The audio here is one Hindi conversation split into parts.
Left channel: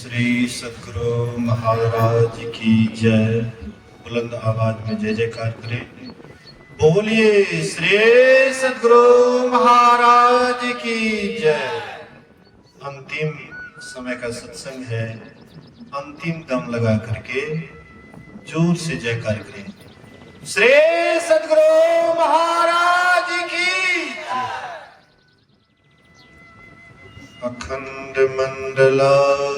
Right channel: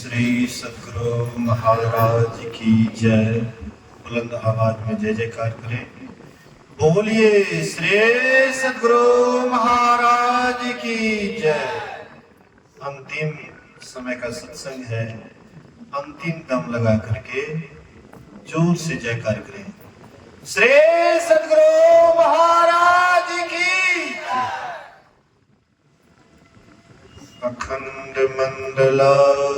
श्री सद्गुरु महाराज की जय। बुलंद आवाज में जय जयकार करें। बोलिए श्री सद्गुरु महाराज की जय। अंतिम समय का सत्संग है। अंतिम दम लगा करके जोर से जयकार करें। श्री सद्गुरु महाराज की अखंड मंडलाकार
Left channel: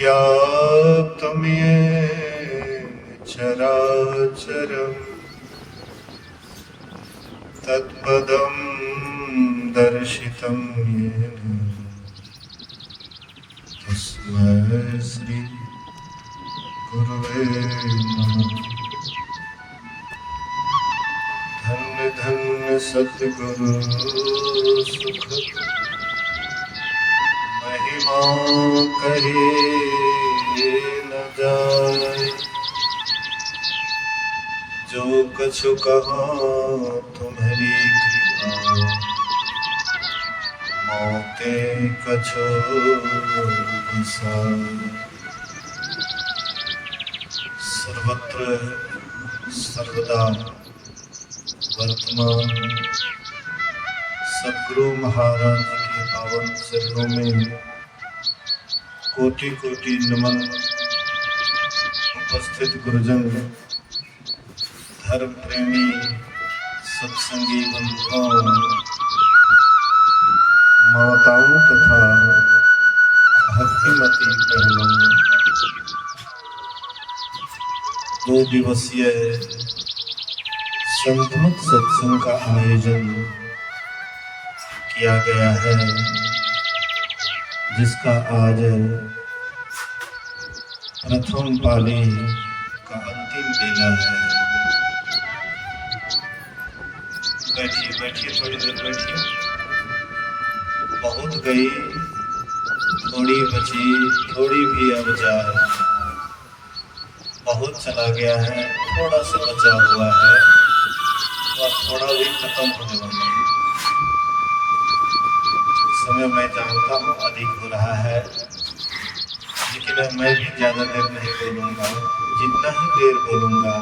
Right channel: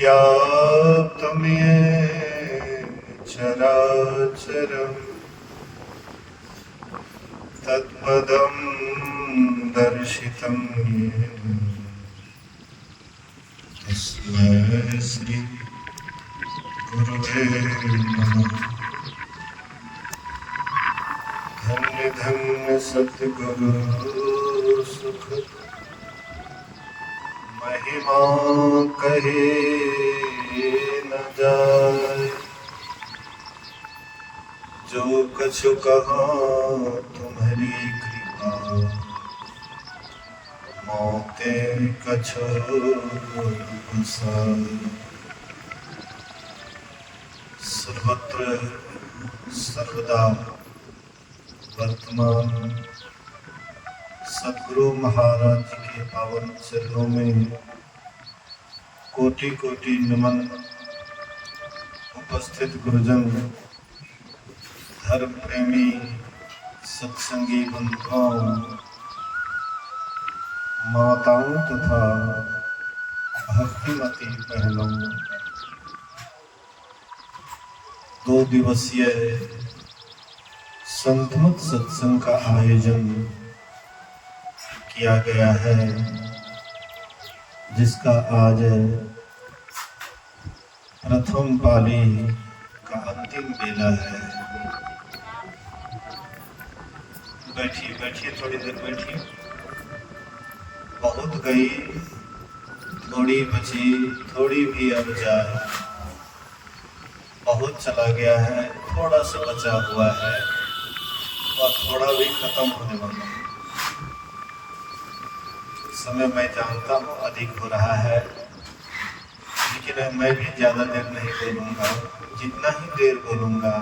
व्याप्तम् येन चराचरम् तत्पदं दर्शितं येन तस्मै श्री गुरुवे नमः। धन्य धन्य सद्गुरु सुख महिमा कहे न जाए। जो कछु कहा तुम्हारी कृपा मोते कछु विसार। सर्वत्र सर्वदा वर्तमान सद्गुरु महाराज के पावन चरणों में कोटि कोटि नमन। उपस्थित गुरुजन, धर्म प्रेमी सत्संगी बंधुओं, माताओं तथा भक्तिमती बहनों, 2 दिवसीय संगमत सत्संग का आयोजन किया गया है, जिसका आज प्रथम पाली का अंतिम बेला है। बैठिए बैठिए, थोड़ी देर बैठिए। बहुत गई, थोड़ी बची, थोड़ी भी अब जाए। बहुत चला गया है, थोड़ा सा बचा हुआ है और थोड़ा भी खत्म होने वाला है। समय मैं जानता हूँ अधिक हो रहा है, लेकिन मैं भी ज़्यादा देर नहीं बोलूँगा। जितना ही देर बोलूँगा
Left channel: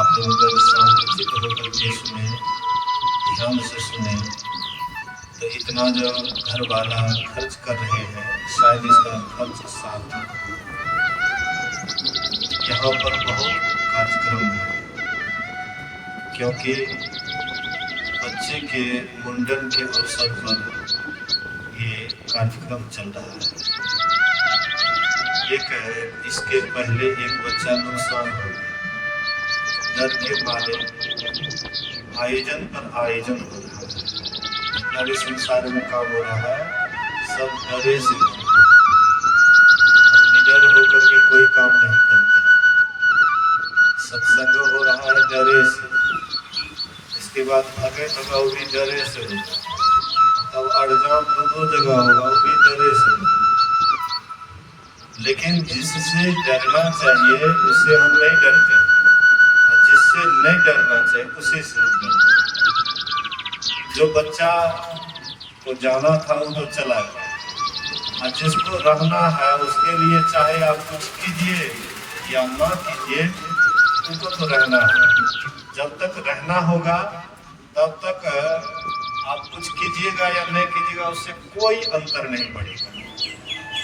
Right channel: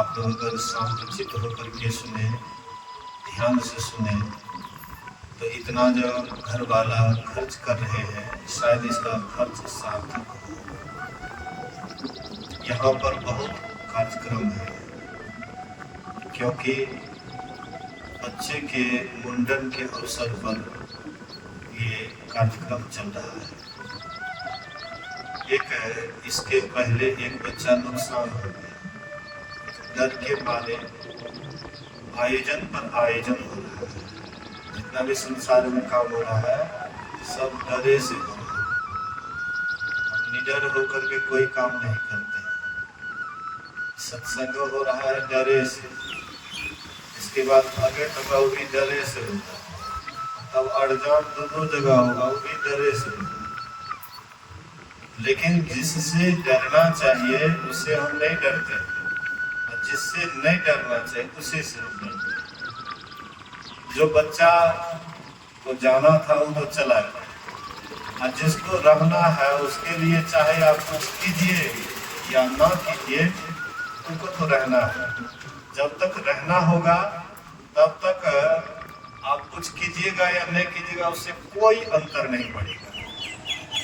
आप लोग अगर शांतचित्त होकर के सुने, ध्यान से सुने, तो इतना जो घर वाला खर्च कर रहे हैं शायद इसका खर्च सार्थक हो। यहाँ पर बहुत कार्यक्रम है, क्योंकि बच्चे के मुंडन के अवसर पर ये कार्यक्रम चल रहा है। इसके पहले एक बच्चा नुकसान हो गया, डर के मारे आयोजन पर आयोजन हो रहा है। जितना भी संसार में काम हो रहा है सब डरे से हो रहा है। हम निडर होकर के कोई काम नहीं करते। सत्संग हो रहा है डरे से, इसके बाद भागे होगा वो भी डरे से होगा, तब अड़जाम 2 जगह होगा वो भी डरे से होगा। लेकिन जिससे डरना चाहिए उससे हम नहीं डरते, और जिससे नहीं डरना चाहिए उसी से हम डरते। जो बच्चा को जाना था वो तो चला गया, और जिसको रहना है उसके लिए चाहे आप कुछ कीजिए या ना कीजिए, उनको तो रहना है। जब तक रहना होगा तब तक आप कुछ कीजिएगा या नहीं कीजिएगा उससे कोई अंतर नहीं पड़ेगा।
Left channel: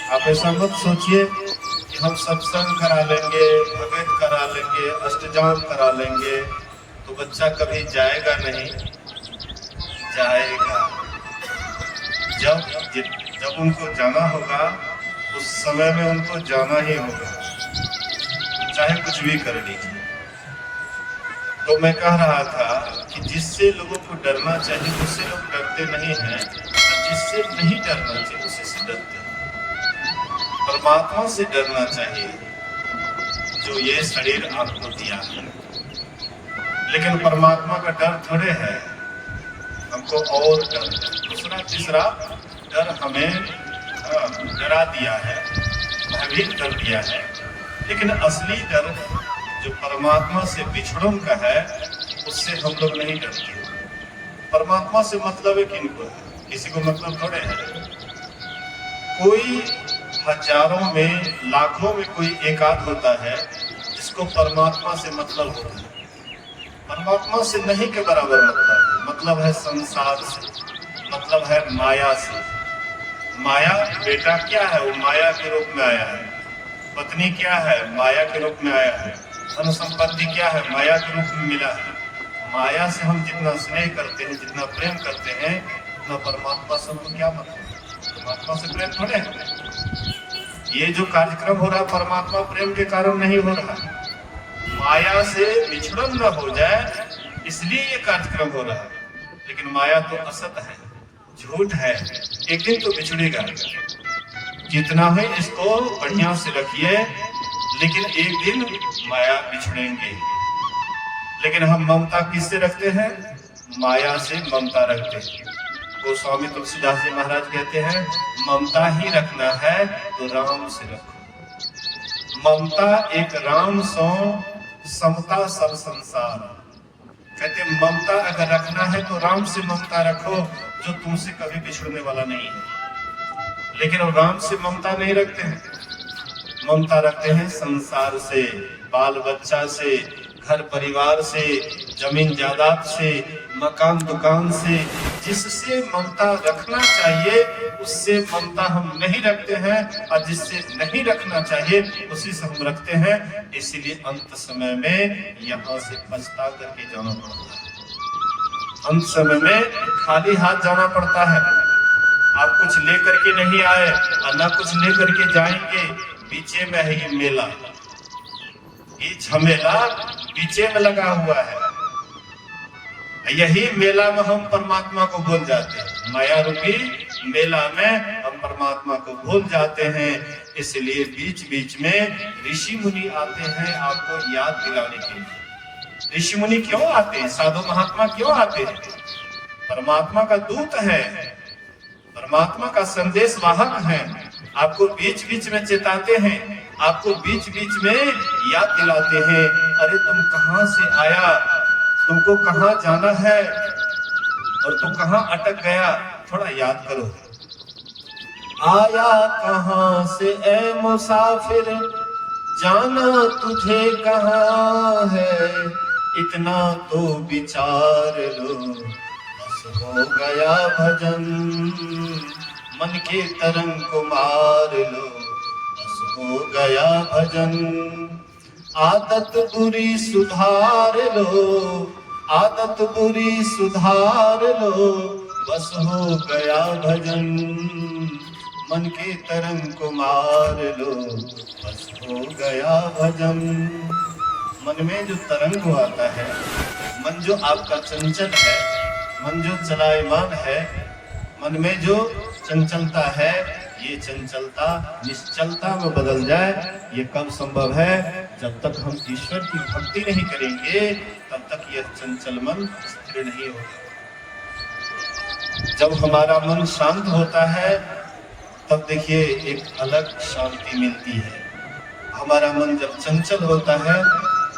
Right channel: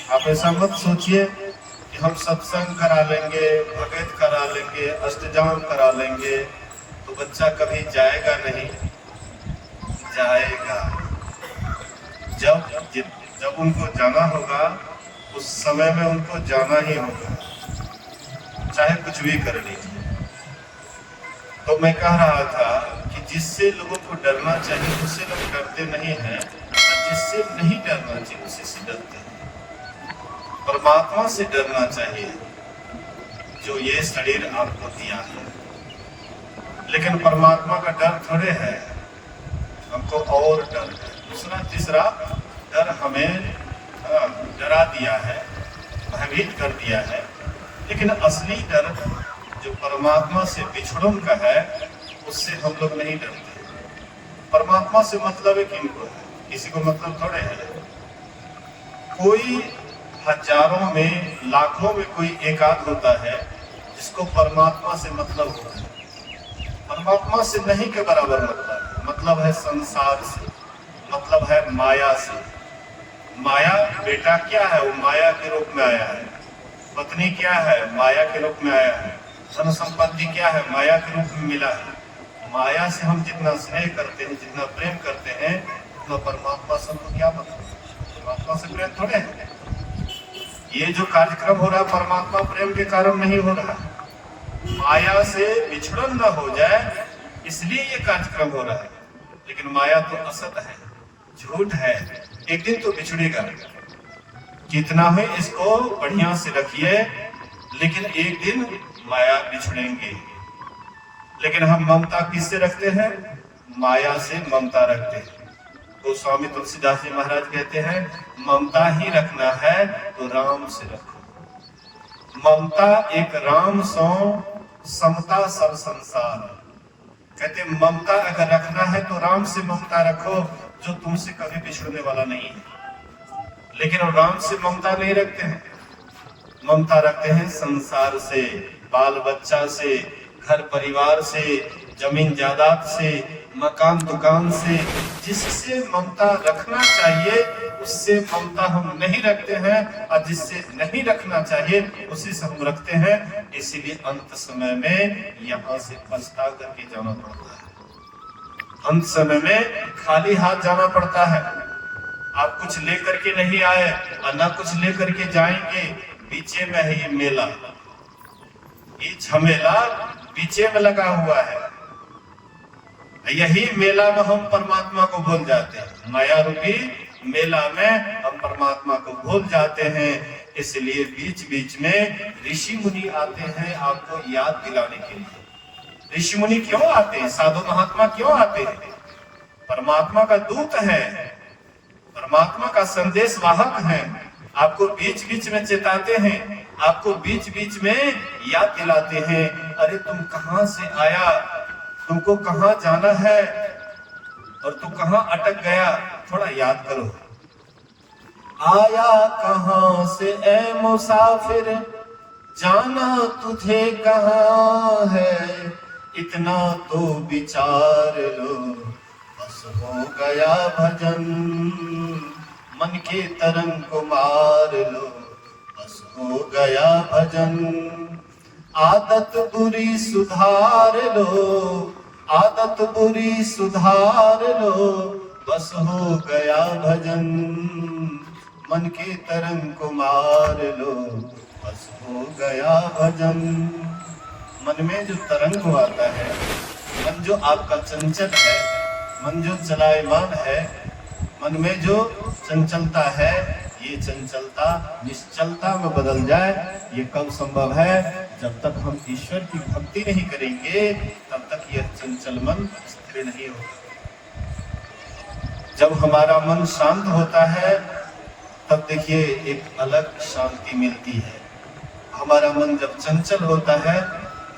आप ऐसा मत सोचिए कि हम सत्संग करा लेंगे, भगत करा लेंगे, अष्टजाम करा लेंगे तो बच्चा कभी जाएगा नहीं। जाएगा। जब उनको जाना होगा उस समय में उनको जाना ही होगा, चाहे कुछ भी कर लीजिए। तो मैं कह रहा था कि जिससे लोगों को डरना चाहिए उससे लोग डरते नहीं हैं, जिससे नहीं डरना चाहिए उसी से डरते हैं। परमात्मा से डरना चाहिए जो ये शरीर आपको दिया है। लेकिन परमात्मा का डर थोड़े है, हमको और डर, दूसरा तीसरा डर हमें डरा दिया है, भयभीत कर दिया है। लेकिन असली डर जो परमात्मा से बिछड़ों का है उससे हम लोग नहीं डरते। परमात्मा से मतलब है किनको, किसी को मतलब थोड़े है। कोई हजारों में लाखों में कोई एकाध होता है जिसको परमात्मा से मतलब होता है। परमात्मा से नहीं के बराबर मतलब है संसार से, मतलब है माया से। माया बेटा क्या है, वो माया के रूप में आया है। पत्नी क्या है, माया के रूप में आया है। धन संपत्ति क्या है, माया के रूप में मिला है। माया से हम जितना स्नेह करते हैं, जितना प्रेम करते हैं, उतना परमात्मा से हमको क्या मतलब, परमात्मा से प्रेम थोड़े है। ये जो कार्यक्रम हो रहा है परमात्मा प्रेम के कारण नहीं हो रहा, माया से विछड़न न हो जाए इसलिए ये कार्यक्रम हो रहा है। लेकिन माया तो असत है, झूठ है, एक दिन तो बिछड़ेगा। जितना है इसको बढ़िया से रखिए, लेकिन एक दिन माया बिछड़ेंगे। लेकिन हम ममता किससे रखते हैं, माया से ममता रखते हैं। गोस्वामी तुलसीदास जी महाराज कहते हैं ममता ही रखना है तो राम से रखो। ममता एक राम सो समता सब संसार। कहते ममता अगर रखना है तो राम से ममता रखो, जो तुमसे कभी बिछड़ने वाला नहीं है। लेकिन वो राम से ममता नहीं रखते हैं, ममता रखते हैं संसार से, बाल बच्चा से, घर परिवार से, जमीन जायदाद से, मकान दुकान से। जिससे ममता रखना चाहिए उससे ममता हम नहीं रखते हैं, और जिससे नहीं रखना चाहिए उसी से हम रखते हैं। इसीलिए अंत समय में यहाँ से पछता करके जाना पड़ता है। अंत समय में खाली हाथ जाना पड़ता है। आप कुछ लेकर के नहीं आए और ना कुछ लेकर के जाएंगे। पीछे में है ये मेला, ये झमेला पीछे में लगा हुआ है। यही मेला में हम परमात्मा को भूल जाते हैं, माया रूपी मेला में हम परमात्मा को भूल जाते हैं। इसलिए बीच बीच में ऋषि मुनि आते हैं आपको याद दिलाने के लिए। ऋषि मुनि क्यों आते हैं, साधु महात्मा क्यों आते हैं? परमात्मा का दूत है, परमात्मा का संदेश वाहक है। आपको बीच बीच में चेताते हैं, आपको बीच बीच में याद दिलाते हैं, अरे तुम कहां से आया, तुमको कहां जाना है और तुम कहां अटक गया, थोड़ा याद करो। आया कहां से ए मुसाफिर, जाना तुझे कहां है, इतना तो विचार लो, बस हो गया भजन। मन के तरंग को मार लो, बस हो गया भजन। आदत बुरी सुधार लो, आदत बुरी सुधार लो, बस हो गया भजन। मन के तरंग को मार लो, बस हो गया भजन। मन में जो तरंग आता है, मन जो आपका चंचल है, मन जो चलायमान है, मन में जो चंचलता है, ये चंचलता निश्चलता में बदल जाए। ये कब संभव है, जब तक हम ईश्वर की भक्ति नहीं करेंगे तब तक यह चंचल मन स्थिर नहीं होगा। जब हमारा मन शांत होता है तब देखिए एक अलग शांति मिलती है। हमारा मन जब चंचल होता है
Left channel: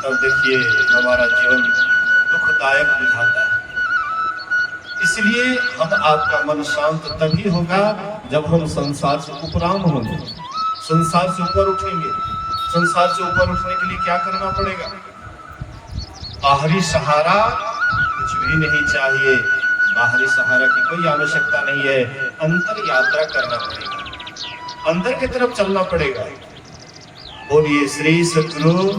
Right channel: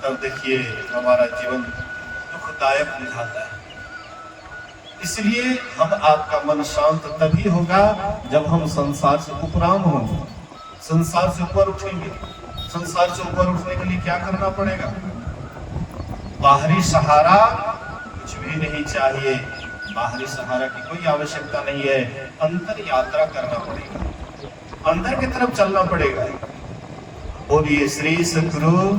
तब देखिए हमारा जीवन दुखदायक हो जाता है। इसलिए हम आपका मन शांत तभी होगा जब हम संसार से उपराम होंगे, संसार से ऊपर उठेंगे। संसार से ऊपर उठने के लिए क्या करना पड़ेगा? बाहरी सहारा कुछ भी नहीं चाहिए, बाहरी सहारा की कोई आवश्यकता नहीं है। अंतर यात्रा करना पड़ेगा, अंदर की तरफ चलना पड़ेगा। बोलिए श्री सद्गुरु।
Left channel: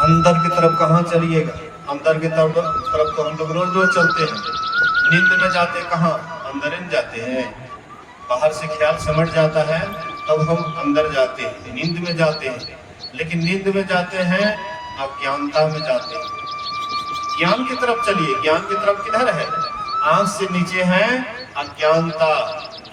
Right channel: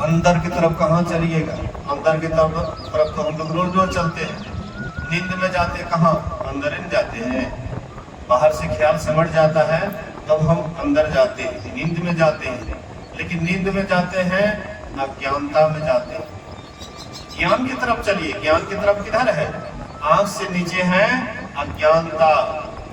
अंदर की तरफ कहाँ चलिएगा? अंदर की तरफ तो हम लोग रोज रोज चलते हैं। नींद में जाते कहाँ? अंदर में जाते हैं। बाहर से ख्याल समझ जाता है तब हम अंदर जाते हैं, नींद में जाते हैं। लेकिन नींद में जाते हैं अज्ञानता में जाते हैं। ज्ञान की तरफ चलिए। ज्ञान की तरफ किधर है? आंख से नीचे है अज्ञानता।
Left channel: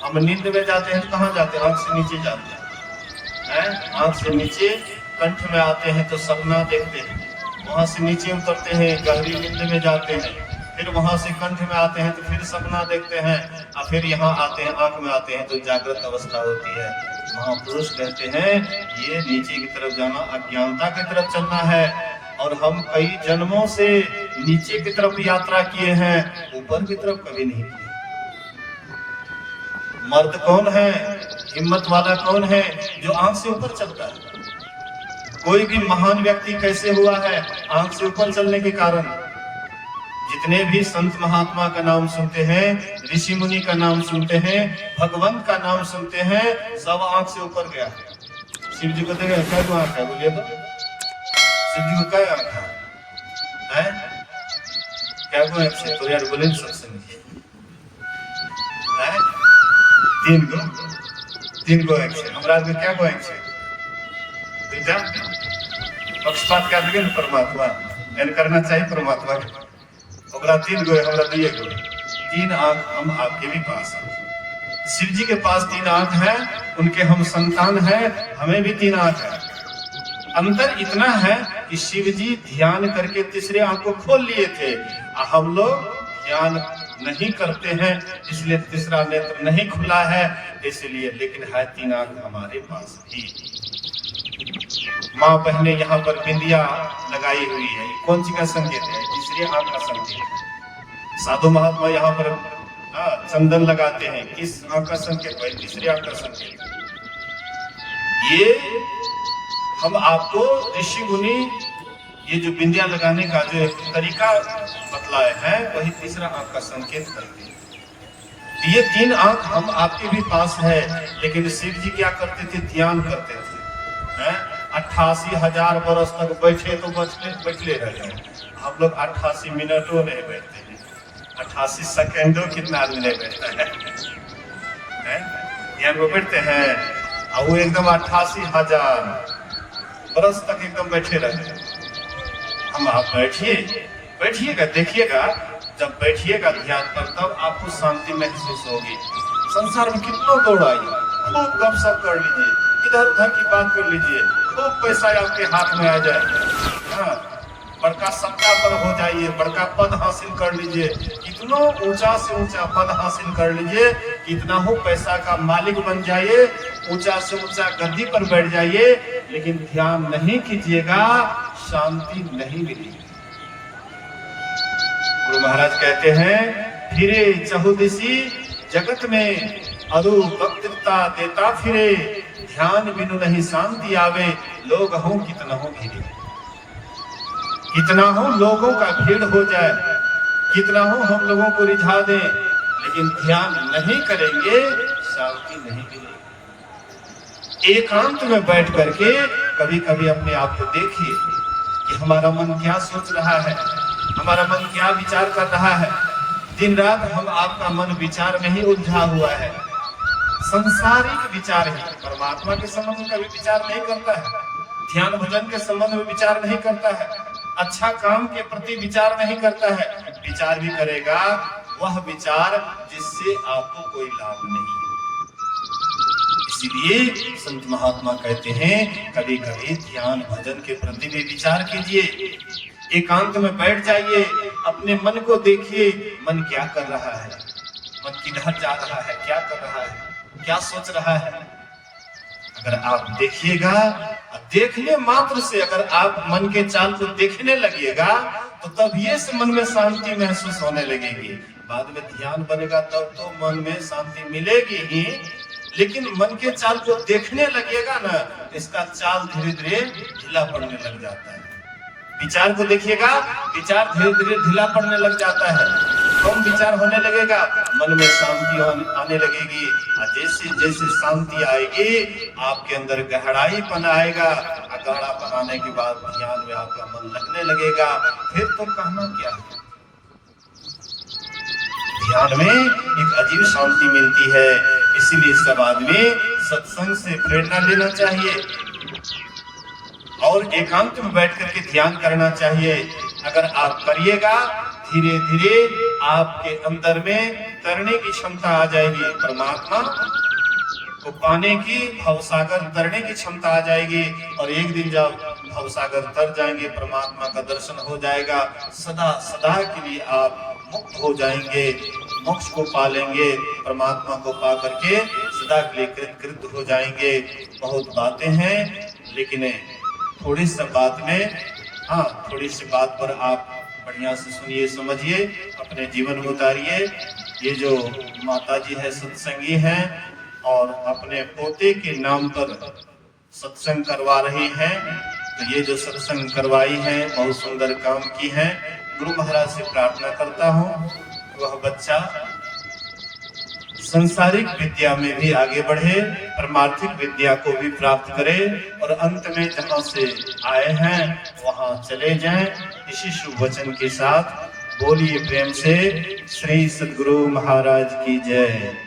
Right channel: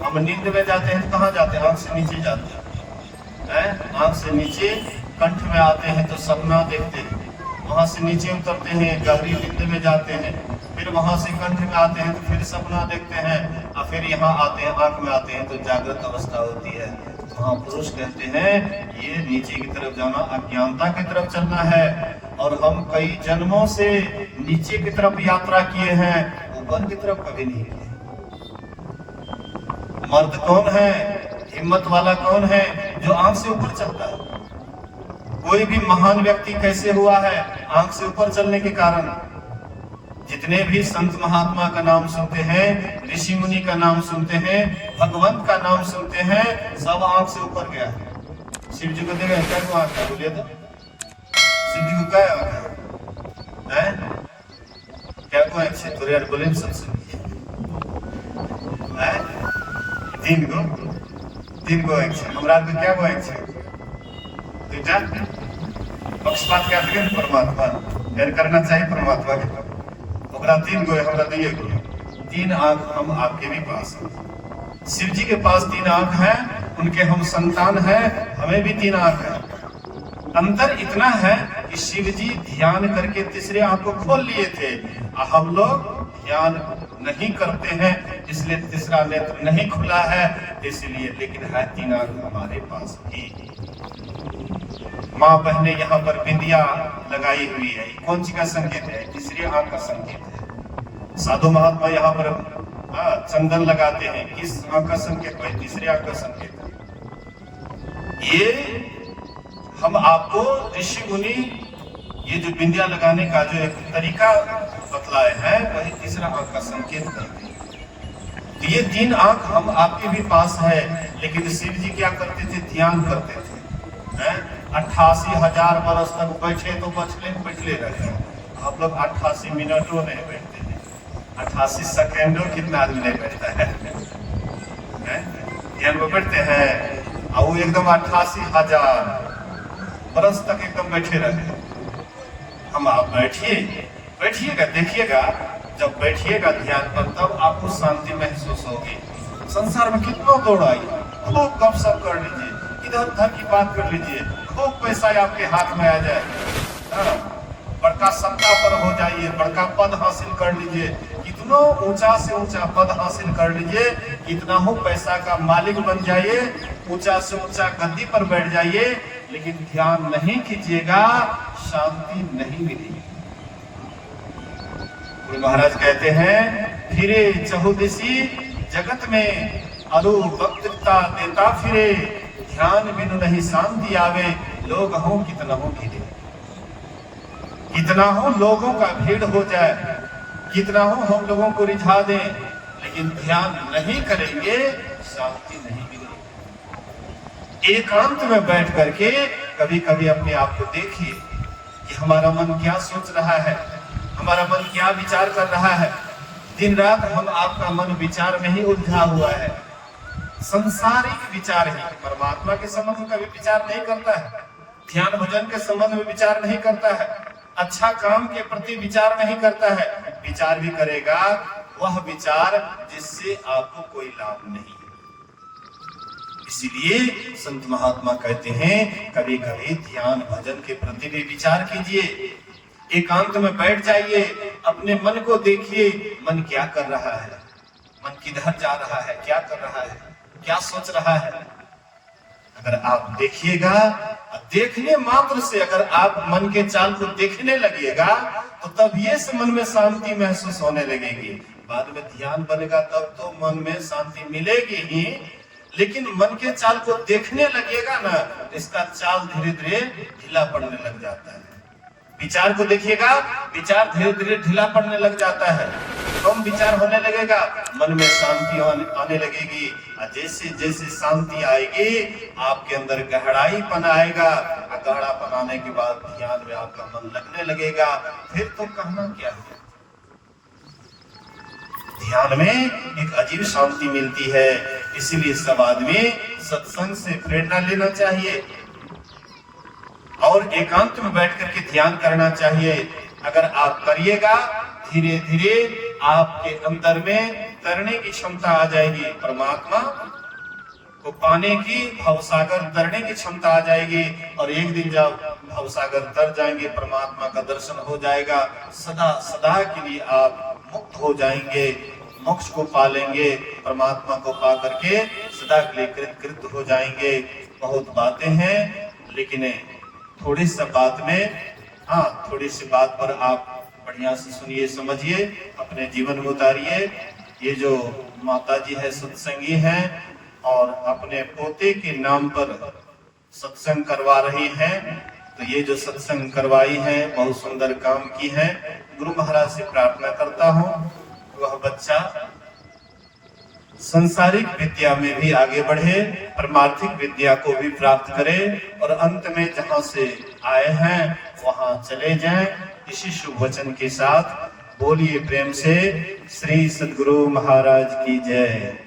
हम नींद में जाते हैं तो कहाँ जाते हैं? आंख से नीचे जाते हैं। आंख से नीचे कंठ में आते हैं तो सपना देखते हैं, वहां से नीचे उतरते हैं, गहरी नींद में जाते हैं, फिर वहां से कंठ में आते हैं तो फिर सपना देखते हैं, और फिर यहाँ आते हैं, आंख में आते हैं तो जागृत अवस्था होती है। महापुरुष कहते हैं ये नीचे की तरफ जाना अज्ञानता की तरफ चलना है, और हम कई जन्मों से नीचे की तरफ यात्रा किए हैं, ऊपर की तरफ कभी नहीं किए। मर्द कौन है, हिम्मत वाला कौन है जो आंख से ऊपर चलता है? कोई भी महान व्यक्ति कैसे हुआ है? आंख से ऊपर चलने के कारण। जितने भी संत महात्मा का नाम सुनते हैं, ऋषि मुनि का नाम सुनते हैं, भगवंत का नाम सुनते हैं, सब आंख से ऊपर गया है। शिव जी को देखें क्या आंख है, बोलिए तो शिव जी को क्या आंख है? क्या को आंख से? तो यार बोले सबसे तीन गो आंख से। हमरा के क्या गो आंख से? दूटा पक्षपात क्या देखें परमात्मा ध्यान करना चाहिए परमात्मा के। ओकरा तीन गो है, हमरा दुइये गो। तीन आंख हम आपके भी पास है। शिव जी के पास तीन आंख है, उनके हम संतान हैं, हमें भी तीन आंख है। अंतर इतना है कि शिव जी ध्यान करके तीसरे आंख को खोल लिए थे, हम लोग ध्यान नहीं करते हैं इसलिए तीसरा नेत्र नहीं खुला है, इसलिए। लेकिन है तीन आंख हमारे पास भी। माँ बहने यहाँ पर बिंदिया लगाई हुई है, कौन सी का संकेत है? तीसरी आंख का संकेत है। साधु महात्मा यहाँ पर चंदन लगाते हैं, किस आंख का संकेत है? तीसरी आंख का संकेत। ये हम आपको ऋषि मुनि ये जो बिंदिया लगाने का जो एक तरीका बतलाए हैं, वही तीसरा आंख का संकेत करते हैं। ये तीन आंख हम आपके भी पास है, लेकिन शिव जी क्या करते थे? ध्यान करते थे। 88,000 वर्ष तक बैठे तो बैठले रहे। आप लोग 88 मिनटों नहीं बैठते हैं, 88 सेकेंडों कितना आदमी नहीं बैठता है? ध्यान को बैठते हैं, और वो एकदम 88,000 वर्ष तक एकदम बैठे रहे। हम आप बैठिएगा, देखिएगा, जब बैठिएगा ध्यान पर तब आपको शांति महसूस होगी। संसार में कितना दौड़ाई, खूब गपशप कर लीजिए, इधर उधर की बात कर लीजिए, खूब पैसा आपके हाथ में आ जाए, बड़का सत्ता पर हो जाइए, बड़का पद हासिल कर लीजिए, कितना ऊंचा से ऊंचा पद हासिल कर लीजिए, कितना हो पैसा का मालिक बन जाइए, ऊंचा से ऊंचा गद्दी पर बैठ जाइए, लेकिन ध्यान नहीं कीजिएगा, शांति नहीं मिलेगी। गुरु महाराज कहते हैं, फिरे चहुदिशी जगत में अरु वक्तृता देता फिरे, ध्यान बिनु नहीं शांति आवे, लोग हो कितना हो घिरे। कितना हो लोगों का भीड़ हो जाए, कितना हो हम लोगों को रिझा दें, लेकिन ध्यान नहीं करेंगे, शांति नहीं मिलेगी। एकांत में बैठ करके कभी कभी अपने आप को देखिए कि हमारा मन क्या सोच रहा है, हमारा मन क्या विचार कर रहा है। दिन रात हम आपका मन विचार में ही उलझा हुआ है, संसारिक विचार ही। परमात्मा के संबंध में कभी विचार नहीं करता है, ध्यान भजन के संबंध में विचार नहीं करता है, अच्छा काम के प्रति विचार नहीं करता है। विचार भी करेगा वह विचार जिससे आपको कोई लाभ नहीं। इसीलिए संत महात्मा कहते हैं, कभी कभी ध्यान भजन के प्रति भी विचार कीजिए, एकांत में बैठ जाइए, अपने मन को देखिए, मन क्या कर रहा है, मन किधर जा रहा है, क्या कर रहा है, क्या सोच रहा है। अगर आप देखिएगा, देखने मात्र से अगर आप मन के चाल को देखने लगिएगा, तो तब ये से मन में शांति महसूस होने लगेगी। बाद में ध्यान बनेगा तब तो मन में शांति मिलेगी ही, लेकिन मन के चाल को देखने लगेगा ना, इसका चाल धीरे धीरे ढीला पड़ने लग जाता है। विचार को देखिएगा, विचार धीरे धीरे ढीला पड़ने लग जाता है, कम विचार होने लगेगा, मन में शांति आने लगेगी। जैसे जैसे शांति आएगी, आपके अंदर गहराईपन आएगा, गहरापन आने के बाद ध्यान में आपका मन लगने लगेगा। फिर तो कहना क्या है, ध्यान में एक अजीब शांति मिलती है। इसीलिए सब आदमी सत्संग से प्रेरणा लेना चाहिए और एकांत में बैठ करके ध्यान करना चाहिए। अगर आप करिएगा, धीरे धीरे आपके अंदर में तरने की क्षमता आ जाएगी, परमात्मा को पाने की, भवसागर तरने की क्षमता आ जाएगी। और एक दिन जब भवसागर तर जाएंगे, परमात्मा का दर्शन हो जाएगा, सदा सदा के लिए आप मुक्त हो जाएंगे, मोक्ष को पालेंगे, परमात्मा को पा करके सदा के लिए कृत हो जाएंगे। बहुत बातें हैं, लेकिन थोड़ी सी बात में, थोड़ी सी बात पर आप बढ़िया से सुनिए, समझिए, अपने जीवन में उतारिए। ये जो माता जी है सत्संगी हैं और अपने पोते के नाम पर सत्संग करवा रही हैं, तो ये जो सत्संग करवाई है बहुत सुंदर काम की है। गुरु महाराज से प्रार्थना करता हूँ वह बच्चा संसारिक विद्या में भी आगे बढ़े, परमार्थिक विद्या को भी प्राप्त करे और अंत में जहाँ से आए हैं वहां चले जाएं। इसी शुभ वचन के साथ बोलिए प्रेम से श्री सद्गुरु महाराज की जय।